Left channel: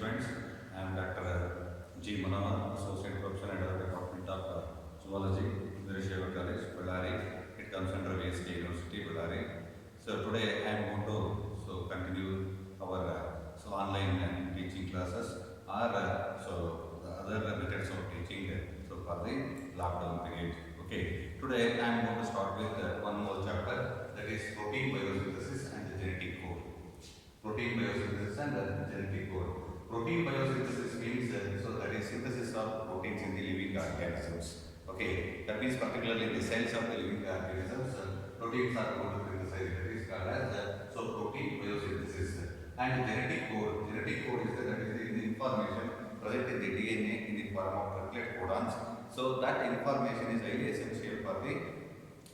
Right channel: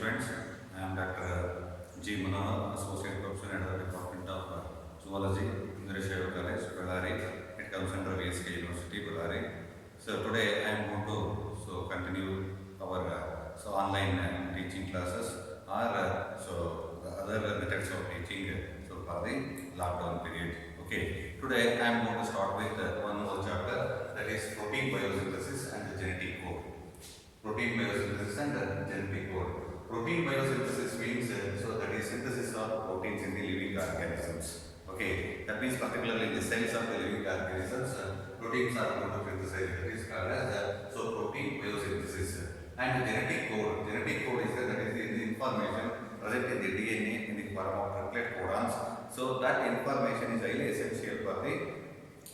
students. I am Dr. G. Manohar, Associate Professor at the Department of Zoology, Indrasheva College, Bellary. It comes under VSK University, Bellary. So today I am going to continue our online teaching classes or the other methods of teaching for the lockdown period. Okay. Today I am going to start with one more chapter, that is protein biosynthesis and genetic code. Protein biosynthesis and genetic code. Protein biosynthesis means that is synthesis of proteins in the living organisms. Okay, that means particularly in the cells of the living organisms, proteins are going to synthesize. That is called as protein biosynthesis. And genetic code. Genetic code is that is the information present in the DNA in the form of triplet codons. So that information is highly essential for the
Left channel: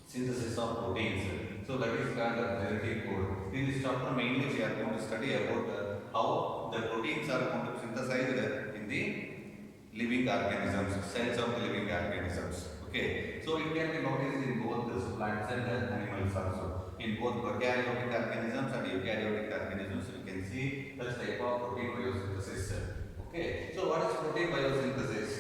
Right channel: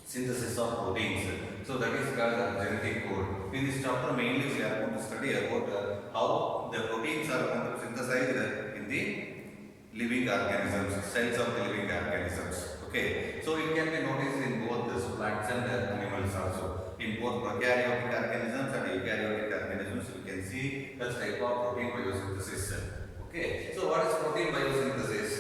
synthesis of proteins. So that is called the genetic code. In this chapter mainly we are going to study about how the proteins are going to be synthesized in the living organisms, cells of the living organisms. Okay, so it can be noticed in both the plants and animals also. In both prokaryotic organisms and eukaryotic organisms, you can see such type of protein biosynthesis. Okay, so what is protein biosynthesis?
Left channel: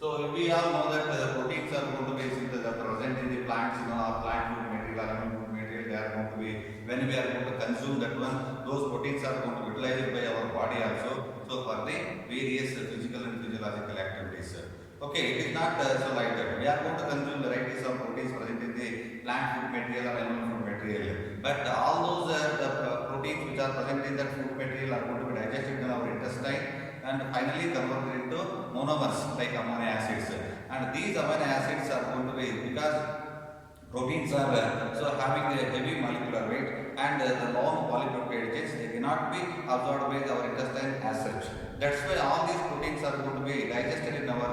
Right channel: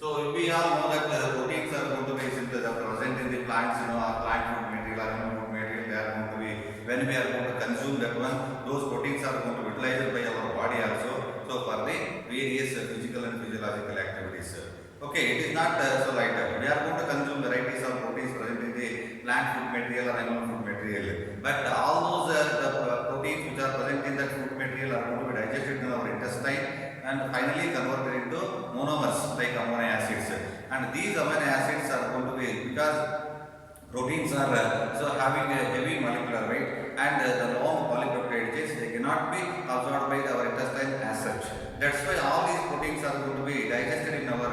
So we all know that proteins are going to be synthesized present in the plants, our plant food material, animal food material, they are going to be, when we are going to consume that one, those proteins are going to be utilized by our body also, so for the various physical and physiological activities. Okay, it is not so like that. We are going to consume varieties of proteins present in the plant food material or animal food material. But all those proteins which are present in that food material are going to be digested in our intestine and finally converted into monomers like amino acids. And these amino acids are going to be, because proteins are having a heavy molecular weight and the long polypeptide chains, they cannot be absorbed by our intestine as such. That's why all these proteins are going to be digested in our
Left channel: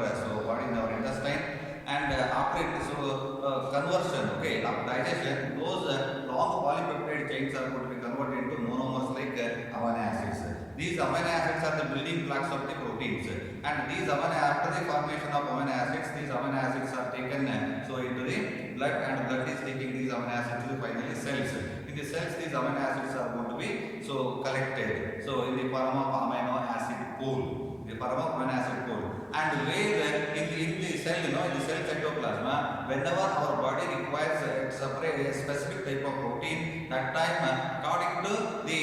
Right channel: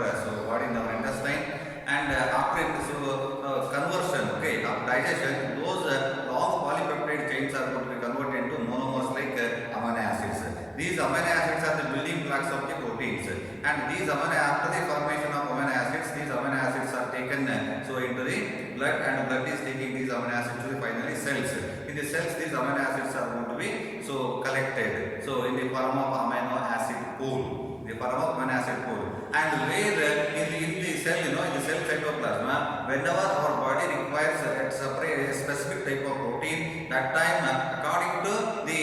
body, in our intestine, and after conversion, of digestion, those long polypeptide chains are going to be converted into monomers like amino acids. These amino acids are the building blocks of the proteins, and these after the formation of amino acids, these amino acids are taken into the blood, and blood is taking these amino acids to the finally cells. In the cells, these amino acids are going to be collected in the form of amino acid pool, the form of amino acid pool. And where in the cell, in the cell cytoplasm, whenever our body requires a specific type of protein, that time according to the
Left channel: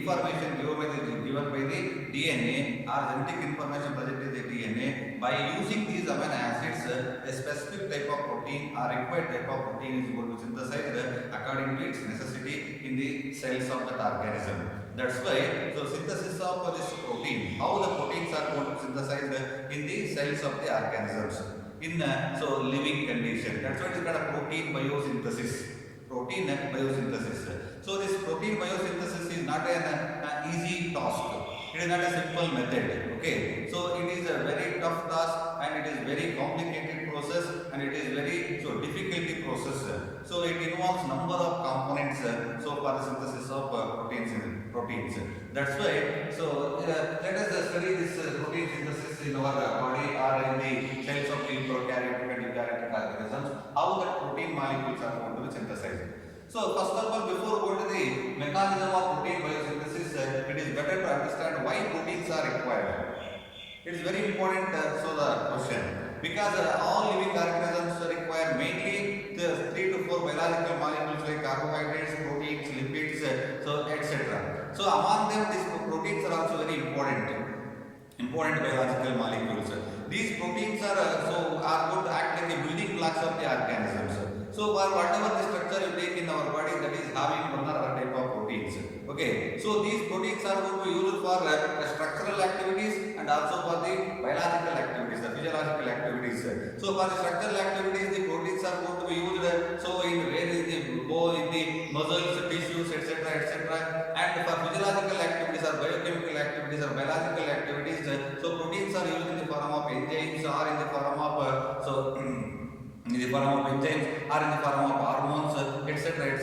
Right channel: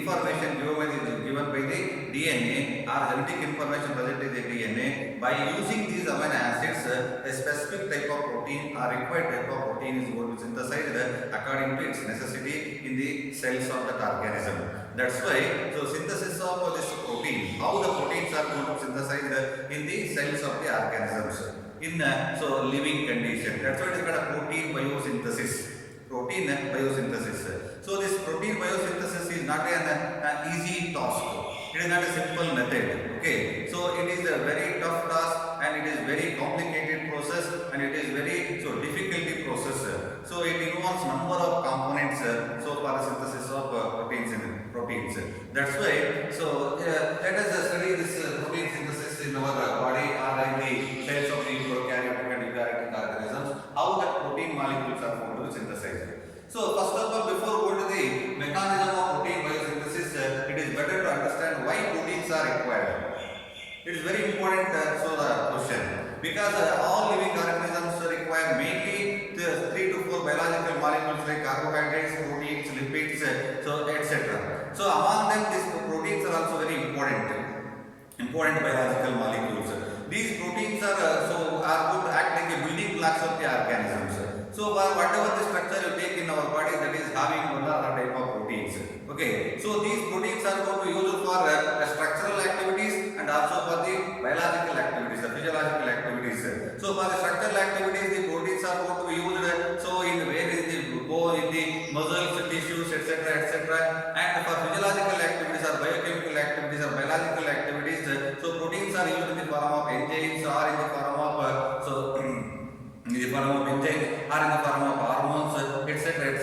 information given by the DNA or genetic information present in the DNA, by using these amino acids, a specific type of protein or required type of protein is going to be synthesized according to its necessity in the cells of that organism. That's why, synthesis of this protein, how the proteins are going to be synthesized in the cells of the organisms in living condition. That's why it is called a protein biosynthesis. Protein biosynthesis. So this protein biosynthesis is not an easy task. It is not a simple method. Okay, so it is a very tough task and it is very complicated process and it is very difficult process. So it involves number of components for the synthesis of proteins. That's why let us study this protein synthesis in our body or in the cells of the prokaryotic and eukaryotic organisms. How that protein molecules are going to be synthesized. So first of all, before going to the mechanism of protein biosynthesis, it is better to understand why proteins are required. It is very important question, because all living organisms require mainly the 3 to 4 biological molecules like carbohydrates, proteins, lipids, etc. So among them, these proteins are also very important biological molecules. These proteins are going to act like a building blocks of the organisms. So for whatever the structure you take in our body, that is having one or other type of proteins. Okay, so these proteins are going to be used for structural activities and also for the biological activities, the physiological activities. So for the structural activities, the proteins are going to be used in where is the bone, in the muscles, tissues, etc. And for physiological activities or biochemical activities or biological activities, proteins are used in the form of enzymes or in the form of in the form of enzymes or in the form of hormones, etc.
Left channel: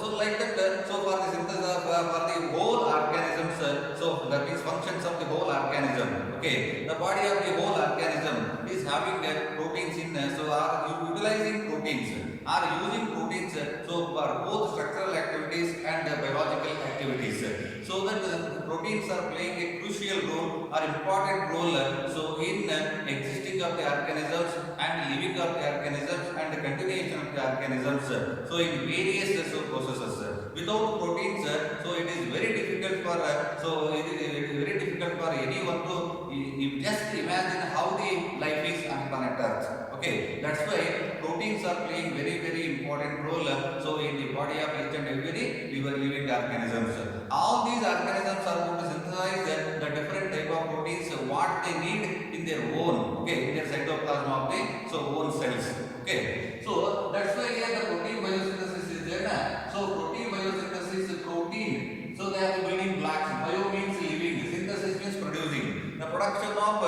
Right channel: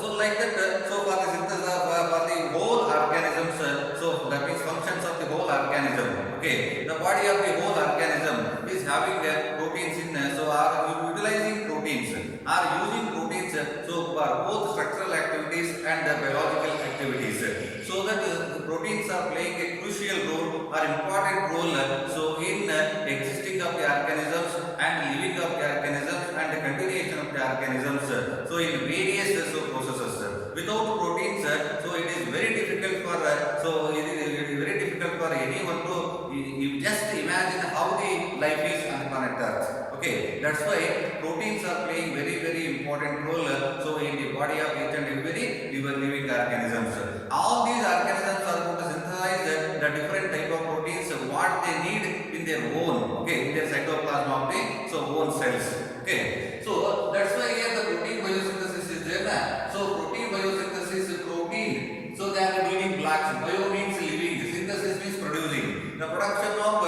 So like that, for the synthesis for the whole organisms, that means functions of the whole organism. Okay, the body of the whole organism is having proteins in, are utilizing proteins. are using proteins so for both structural activities and biological activities. So that the proteins are playing a crucial role or important role so in existing of the organisms and living of the organisms and the continuation of the organisms. So in various processes. Without proteins, so it is very difficult for it is very difficult for anyone to you just imagine how the life is on planet Earth. Okay, that's why proteins are playing very important role so in the body of each and every living organisms. All these organisms are going to synthesize the different type of proteins what they need in their own, okay, in their cytoplasm of the own cells. Okay, so that's why here the protein biosynthesis is there na? So protein biosynthesis, protein, so they are the building blocks. Bio means living, synthesis means producing. The production of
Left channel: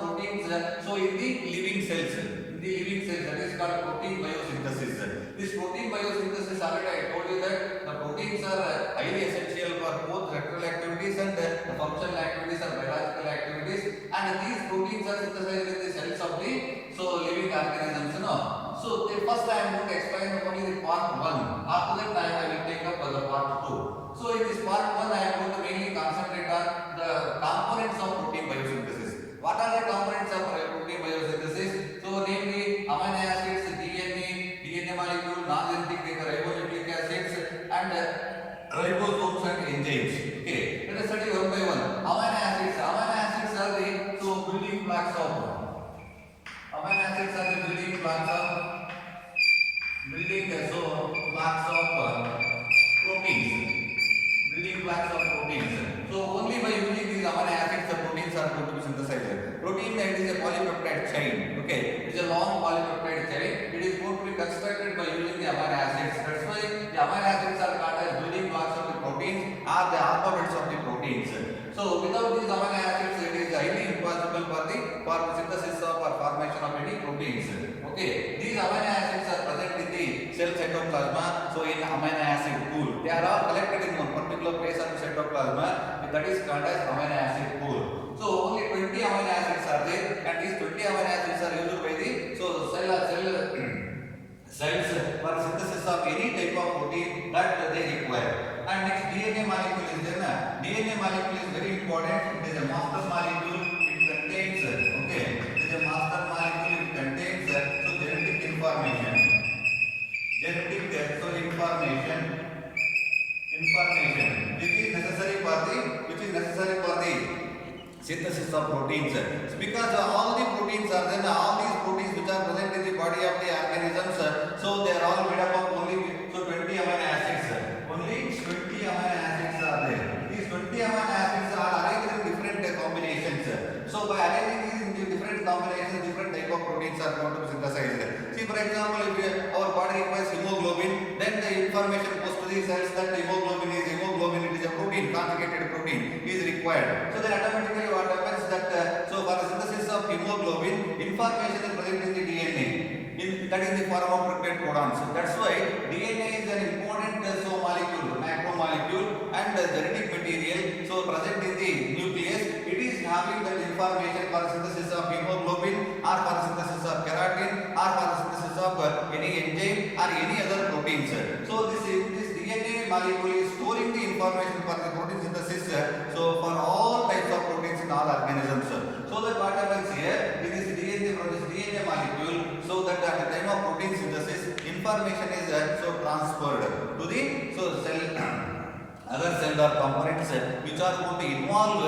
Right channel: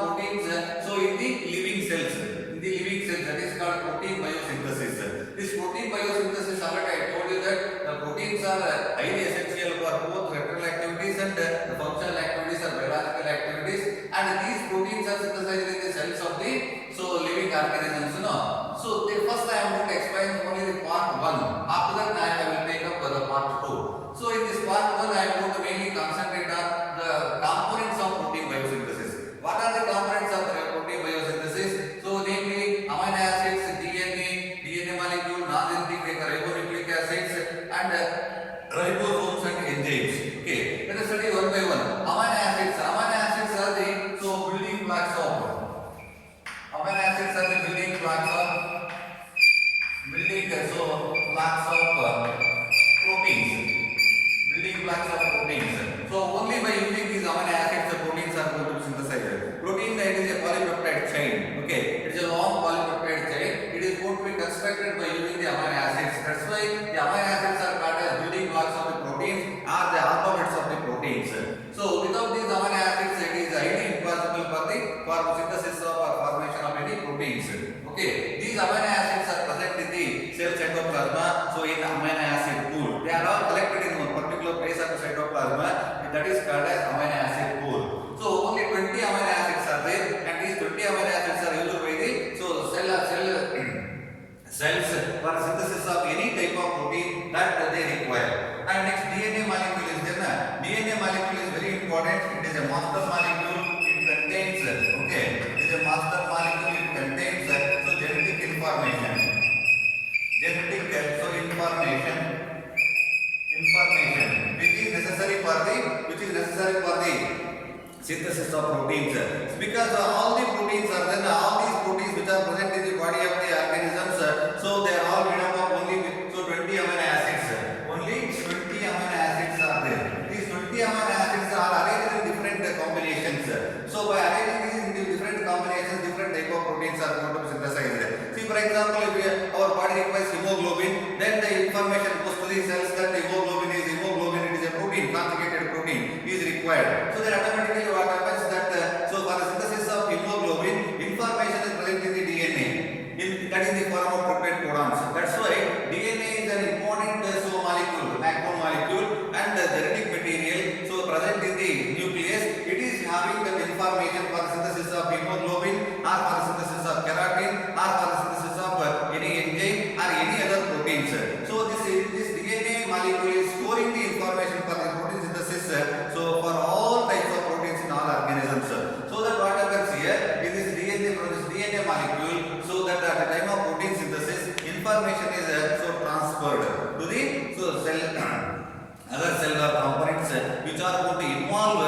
proteins so in the living cells, that is called protein biosynthesis. This protein biosynthesis, already I told you that the proteins are highly essential for both structural activities and the functional activities or biological activities, and these proteins are synthesized in the cells of the living organisms. So first I am going to explain only the part 1. After that I will take up the part 2. So in this part 1 I am going to mainly concentrate on the components of protein biosynthesis. What are the components of protein biosynthesis? So namely amino acids, DNA molecule, non-genetic ribonucleic acids and ribosomes and enzymes. Okay, let us study one by one. Amino acids are the building blocks of proteins. So only by using these amino acids the proteins are going to be synthesized. Protein it is a polypeptide chain. Okay, it is a long polypeptide chain. It is going to be constructed by using the amino acids. That's why the amino acids are called as building blocks of the proteins or the alphabets of the proteins. So without these amino acids it is highly impossible for the synthesis of or formation of any proteins. Okay, these amino acids are present in the cell cytoplasm. So in amino acid pool, they are all collected in one particular place of the cytoplasm. That is called as amino acid pool. So only 20 amino acids are there, and these 20 amino acids are used by the cells for synthesis of any type of protein that they require. And next DNA molecule is there. DNA molecule is very important. It is a master molecule. It contains genetic information. Which is necessary for the synthesis of proteins. Because all the proteins are there, all these proteins which are present in the body of the organisms, so they are all made up of only 20 amino acids. Only 20 amino acids are there. These 20 amino acids are arranged in different combinations. So by arranging these in different combinations, different type of proteins are going to be synthesized. See, for example, if our body requires hemoglobin, then the information goes to the cells that hemoglobin, it is a protein, conjugated protein is required. So then automatically what happens that so for the synthesis of hemoglobin, information is present in the DNA. That is the form of peptide codons. That's why DNA is an important macromolecule and genetic material. So present in the nucleus, it is having that information for the synthesis of hemoglobin, or for the synthesis of keratin, or for the synthesis of any enzyme or any other proteins. So this DNA molecule is storing the information for the protein synthesis. So for all types of proteins in all organisms. So that what happens here in this DNA molecule, so that at the time of protein synthesis, information is transferred to the cell, other cellular components which are going to involve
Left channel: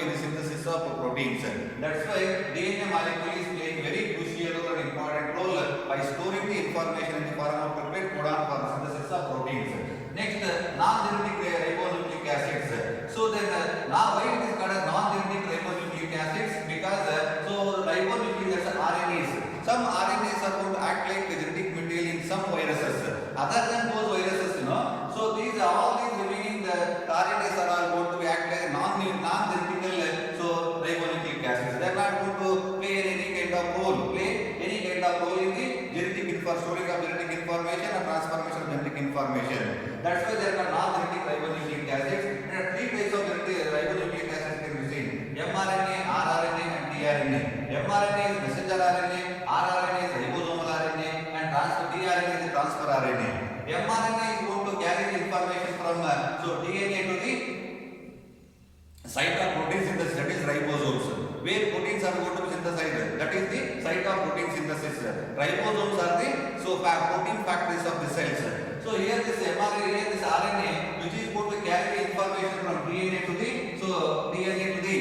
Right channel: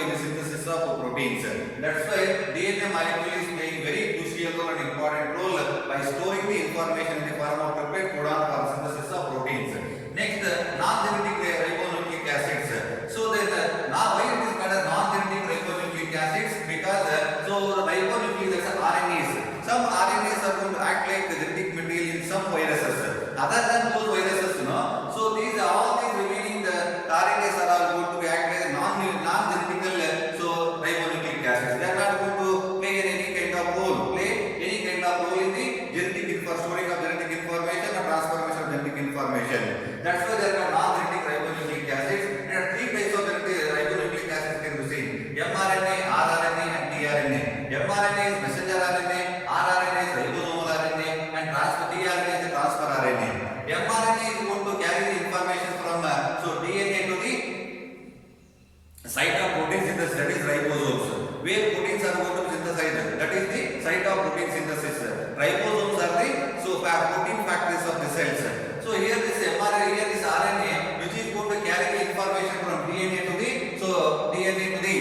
in the synthesis of proteins. That's why DNA molecule is playing very crucial and important role by storing the information in the form of peptide codon for synthesis of proteins. Next, non-genetic ribonucleic acids. So then now why it is called as non-genetic ribonucleic acids? Because the ribonucleic acids are RNAs. Some RNAs are going to act like the genetic material in some viruses. Other than those viruses, so all these remaining the RNAs are all going to be act like non-genetical ribonucleic acids. They are not going to play any kind of role in the genetic storing of genetic information and transformation of genetic information. That's why there are non-genetic ribonucleic acids. There are 3 types of ribonucleic acids can be seen: mRNA, rRNA and tRNA. mRNA is messenger RNA, rRNA is ribosomal RNA, and site of protein synthesis, that is ribosomes. Where proteins are going to be synthesized, that is the site of protein synthesis. Ribosomes are the protein factories of the cells. So here this mRNA, here this RNA, which is going to carry the information from DNA to the DNA to the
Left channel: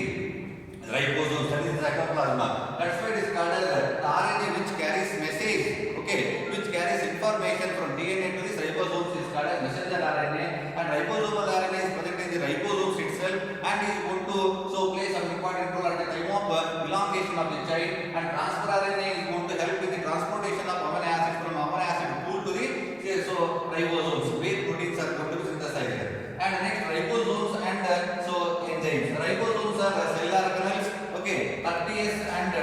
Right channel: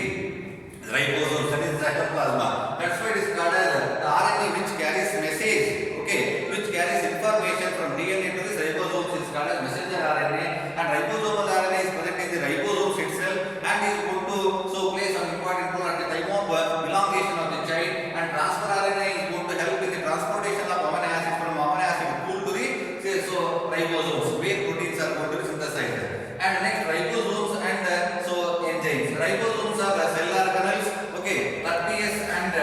ribosomes, that is cytoplasma. That's why it is called as the RNA which carries message, okay, which carries information from DNA to the ribosomes is called as messenger RNA, and ribosomal RNA is present in the ribosomes itself and is going to play some important role at the time of elongation of the chain, and transfer RNA is going to help in the transportation of amino acid from amino acid pool to the ribosomes where proteins are going to be synthesized. And next ribosomes and enzymes. Ribosomes are cell organelles, okay, 30s and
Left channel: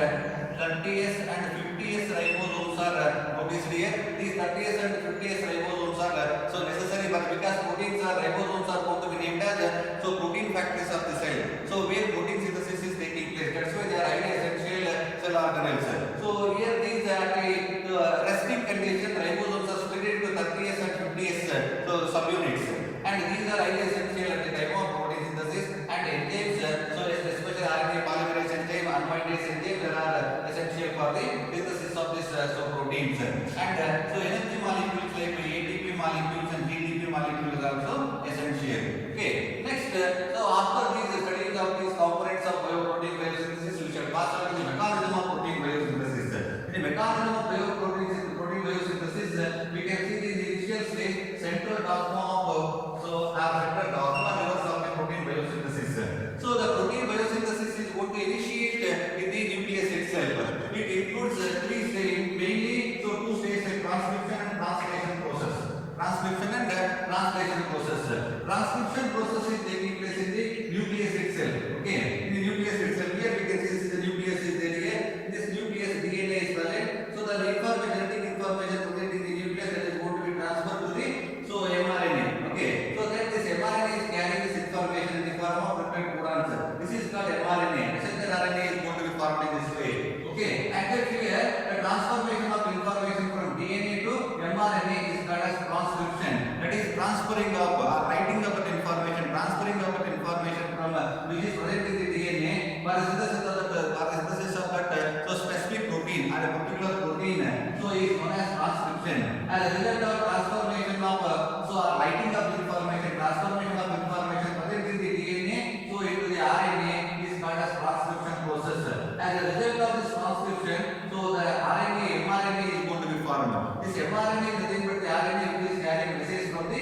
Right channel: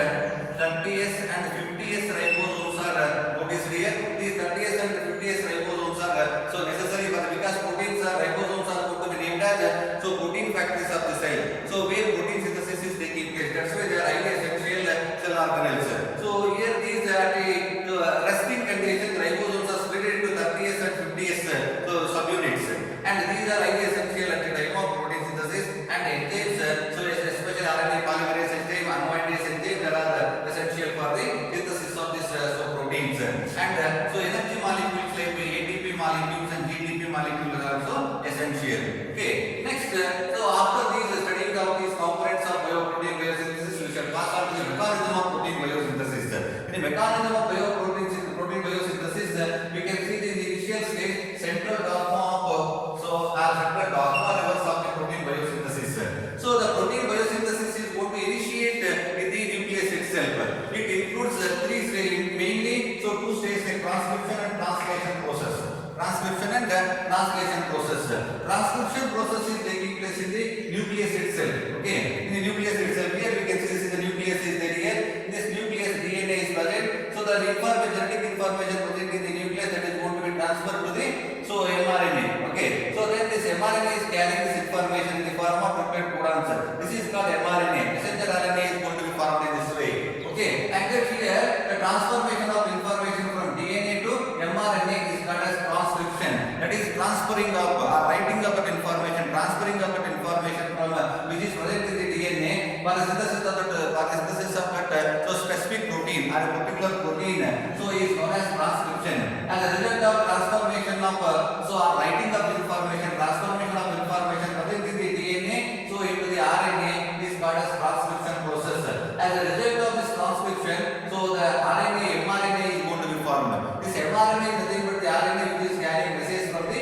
50s ribosomes are noticed here. These 30s and 50s ribosomes are necessary because proteins are ribosomes are going to be named as protein factories of the cell. So where protein synthesis is taking place, that's why they are highly essential cell organelles. So here these are the resting conditions. Ribosomes are split into 30s and 50s subunits, and these are highly essential at the time of protein synthesis. And enzymes, especially RNA polymerase enzyme, amylase enzyme, they are essential for the synthesis of this proteins. And energy molecules like ATP molecules and GTP molecules are also essential. Okay. Next, after these studying of these components of bioprotein biosynthesis, we shall pass on to the mechanism of protein biosynthesis. In the mechanism of protein biosynthesis, we can see the initial stage central dogma of central dogma reverse of the protein biosynthesis. So the protein biosynthesis is going to initiate in the nucleus itself. It includes three stages mainly. Two stages like transcription and translation process. Transcription process is taking place in the nucleus itself. Okay, in the nucleus itself, here we can see this is the nucleus is there here. In this nucleus DNA is present. So the genetic information present in the nucleus that is going to be transferred to the mRNA. Okay, so then this mRNA is carrying this information in the form of peptide codons. This is called mRNA. Messenger RNA is going to be formed in this way. Okay, and here the transformation of information from DNA to mRNA is called as transcription. That is transferring of writing of that information, transferring of that information from which is present in the DNA for the synthesis of that specific protein or a particular protein. So is known as transcription. As a result of transformation of writing of the information, transformation of information present in the DNA into the RNA is called as transcription process. As a result of this transcription, the mRNA is going to be formed. This mRNA is nothing but the RNA which is carrying message from the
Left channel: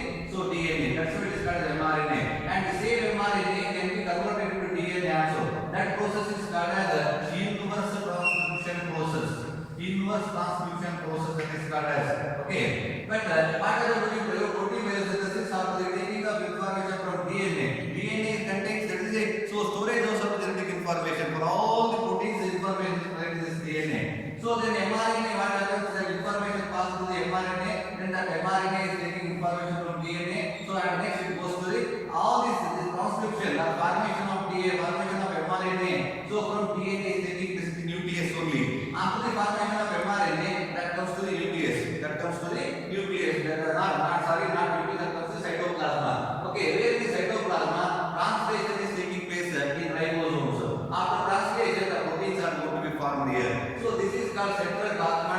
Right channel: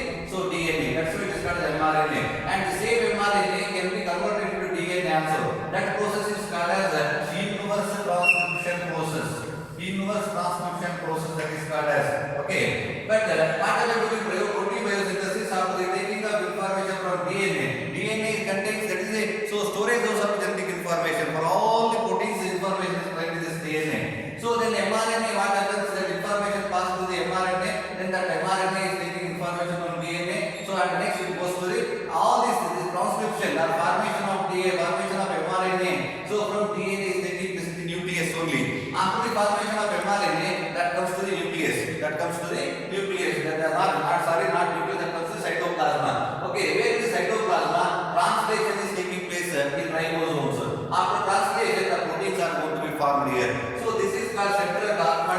DNA. That's why it is called as mRNA. And the same mRNA can be converted into DNA also. That process is called as inverse transcription process. Inverse transcription process, that is called as. Okay. But what are we doing protein biosynthesis after the taking of information from DNA? DNA contains, that is a storage of some genetic information for all the proteins. Information is present in this DNA. So then mRNA, what happens? That information passes to the mRNA. Then that mRNA is taking information from DNA. So and next it goes to the all this transcription or formation of DNA, formation of mRNA. So from DNA is taking place in the nucleus only. After the formation of mRNA, that comes to the nucleus. That comes to the nucleus. Not nucleus. That comes to the cytoplasma. Okay, where in the cytoplasma, translation is taking place in ribosomes. After translation, the proteins are going to be formed here. So this is called central dogma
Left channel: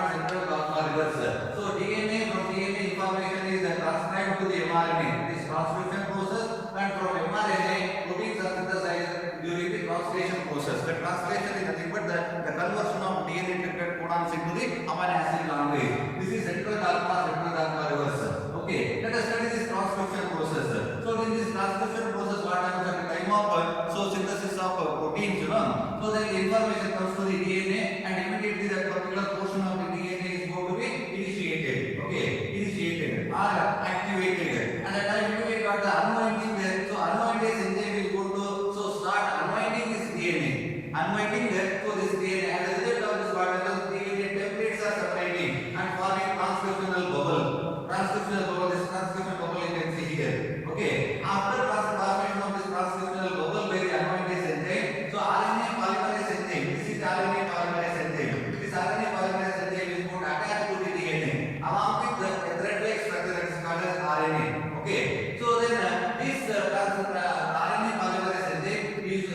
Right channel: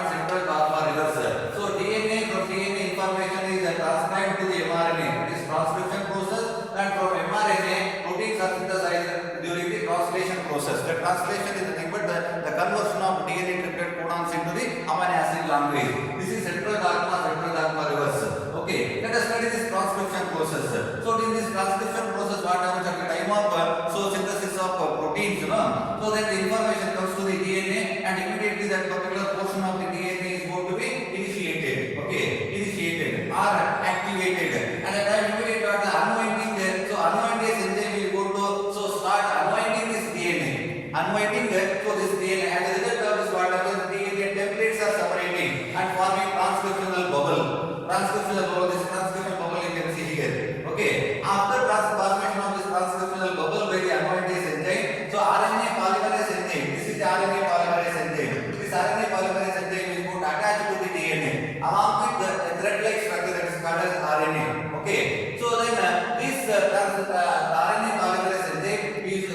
reverse. So DNA from DNA information is transcribed to the mRNA. It is transcription process, and from mRNA, proteins are synthesized during the translation process. The translation is nothing but the conversion of DNA triplet codons into the amino acid long range. This is central dogma reverse. Okay, let us study this transcription process. So in this transcription process, what happens at the time of synthesis of proteins, so then the information comes to the DNA, and immediately that particular portion of the DNA is going to be initiated. Okay, initiated or activated, and at time immediately at the unwinding, unwinding enzyme is going to start unwinding this DNA. Unwinding this DNA, and as a result of this, what happens? DNA templates are separating and forming transcriptional bubble. This transcriptional bubble you can see here. Okay, after transformation of this transcriptional bubble by the unwinding enzyme, RNA polymerase enzyme. This is the RNA polymerase enzyme. This RNA polymerase enzyme is going to attach to the DNA along with the thread-like structure that is called as RNA. Okay, so then this RNA polymerase enzyme is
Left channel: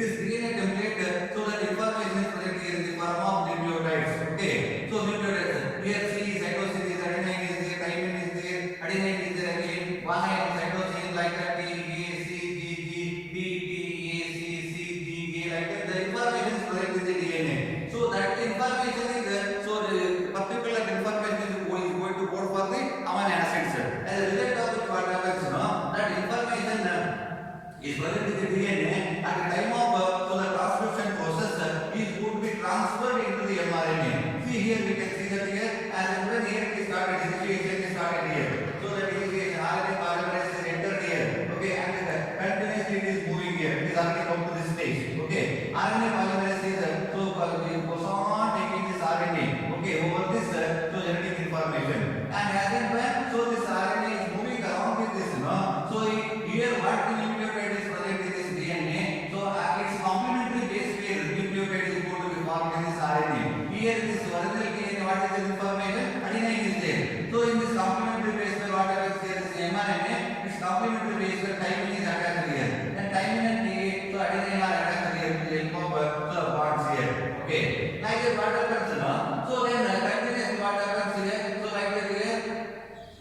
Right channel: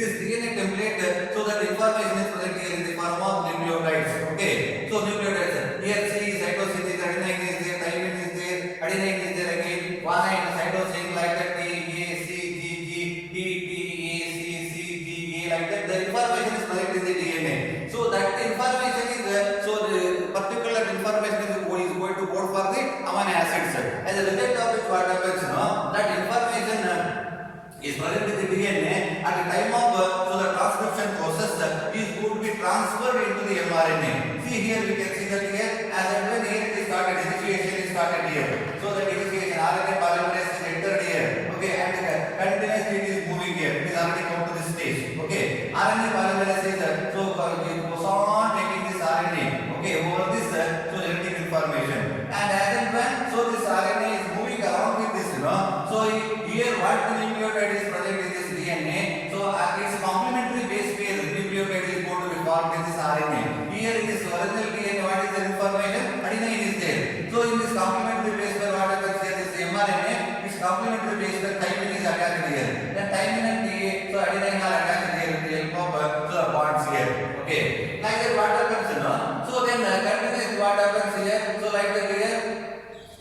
this DNA template, so that information is present here in the form of nucleotides. Okay, so nucleotides. Here C cytosine is, adenine is there, thymine is there, adenine is there again, guanine, cytosine like that, T A C G G, T T A C C G A like that. The information is present in the DNA. So that information is so the particular information is going to code for the amino acids. As a result of which what happens, that information is present in the DNA at the time of so the transcription process is going to be transferred into the mRNA. See here we can see that here as and when here it is started, initiation is started here. So that initiation RNA polymerase is entered here. Okay, and continuously it is moving here. It is already come to this stage. Okay, RNA polymerase is so it goes on taking this RNA. Okay, over this so genetic information, and as and when so this RNA is moving along with this, so here what the nucleotide is present in this DNA, so its complementary base pair nucleotide is going to be formed in this RNA. Here in this original DNA, what is the information? Adenine is there. So in this complementary base pair, what happens here? This mRNA, its complementary base pair thymine is attached here. Then thymine and TA, so adenine are attached here with the help of so the bonds here. Okay, like that what happens, so then continuously what happens here? So like that here,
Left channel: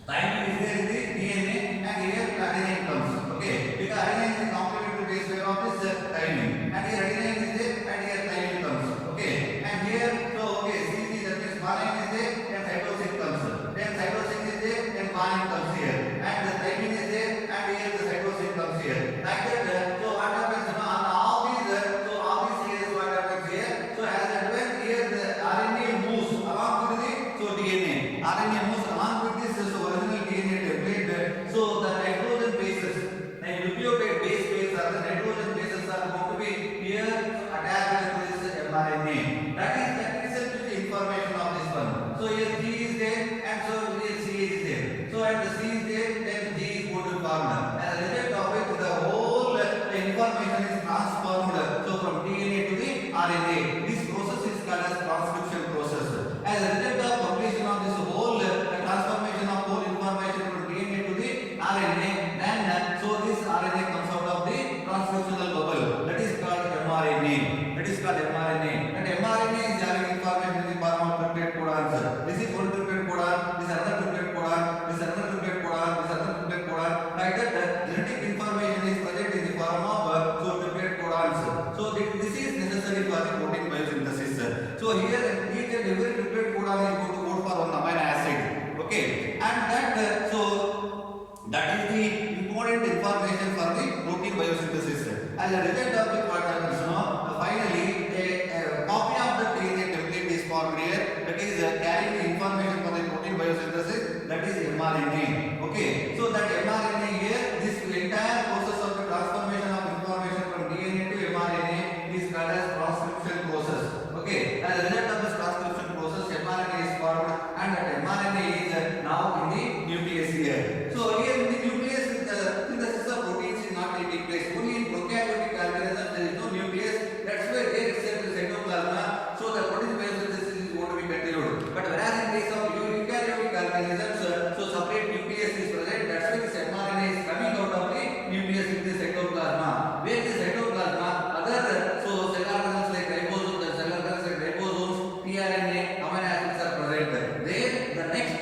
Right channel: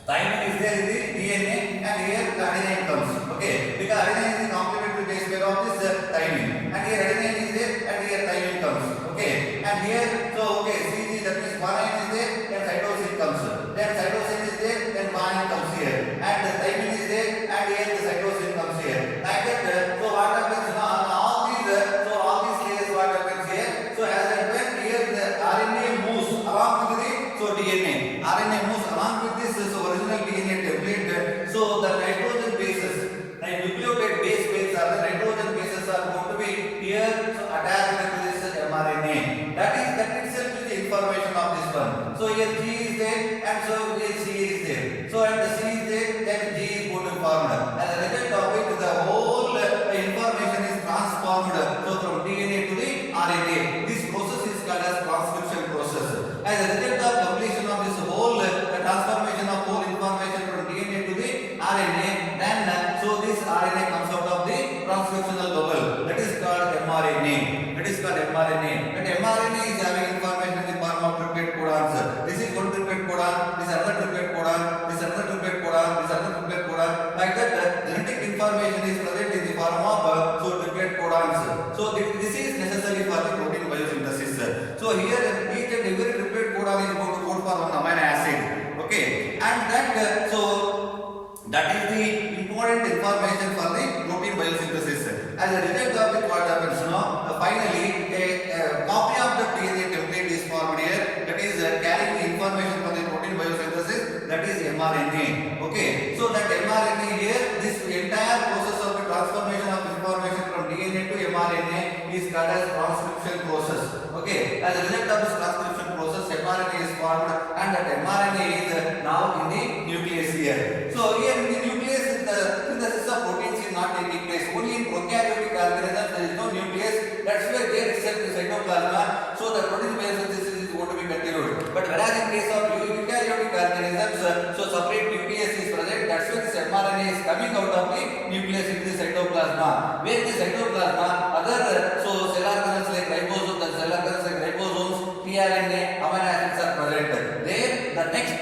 thymine is there in the DNA and here adenine comes. Okay, because adenine is the complementary base pair of this thymine, and here adenine is there and here thymine comes. Okay, and here so okay, CG, that means guanine is there, then cytosine comes. Then cytosine is there, then guanine comes here, and the thymine is there, and here the cytosine comes here. Like that, so what happens on all these layers, what happens here? So as and when here the RNA moves along with the so DNA, RNA moves along with this so original DNA template. So the nitrogen bases, like nucleotide base pairs are the nitrogen bases are going to be here so attached to this mRNA. That itself is the information of this one. So here G is there, and so here C is there. So and the C is there, then G is going to be formed. As a result of which the whole information is transformed so from DNA to the RNA. This process is called as transcription process. As a result of completion of this whole the transformation of whole information from DNA to the RNA, then so this RNA comes out of the transcriptional bubble. That is called mRNA. That is called mRNA. And mRNA is having information in the form of triplet codons. This is one triplet codon, this is another triplet codon, this is another triplet codon, this is another triplet codon. Like that, genetic information is present in the form of so triplet codons. So this is necessary for the protein biosynthesis. So here each and every triplet codon is going to code for one amino acid. Okay, and that so that is the important information for the protein biosynthesis. As a result of it, what happens now? Finally, a copy of the DNA template is formed here. That is carrying the information for the protein biosynthesis. That is mRNA. Okay, so that mRNA here, this entire process of the transformation of information from DNA to mRNA is called as transcription process. Okay, as a result of this transcription process, mRNA is formed, and that mRNA is now in the nucleus here. So here in the nucleus, the synthesis of proteins is not taking place. Only in prokaryotic organisms there is no nucleus. That's why there itself is cytoplasm. So the protein biosynthesis is going to be continued. But whereas in case of eukaryotic organisms, so separate nucleus is present. That's why this mRNA is coming out of the nucleus into the cytoplasm. Where the cytoplasm, other so cell organelles like ribosomes, the cell organelles like ribosomes, tRNA, amino acids are present. There the next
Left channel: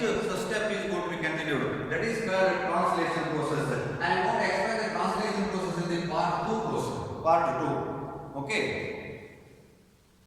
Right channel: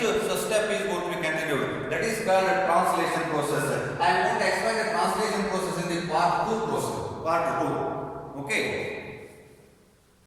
step is going to be continued. That is called a translation process. I am going to explain the translation process in the part 2 process. Part 2. Okay.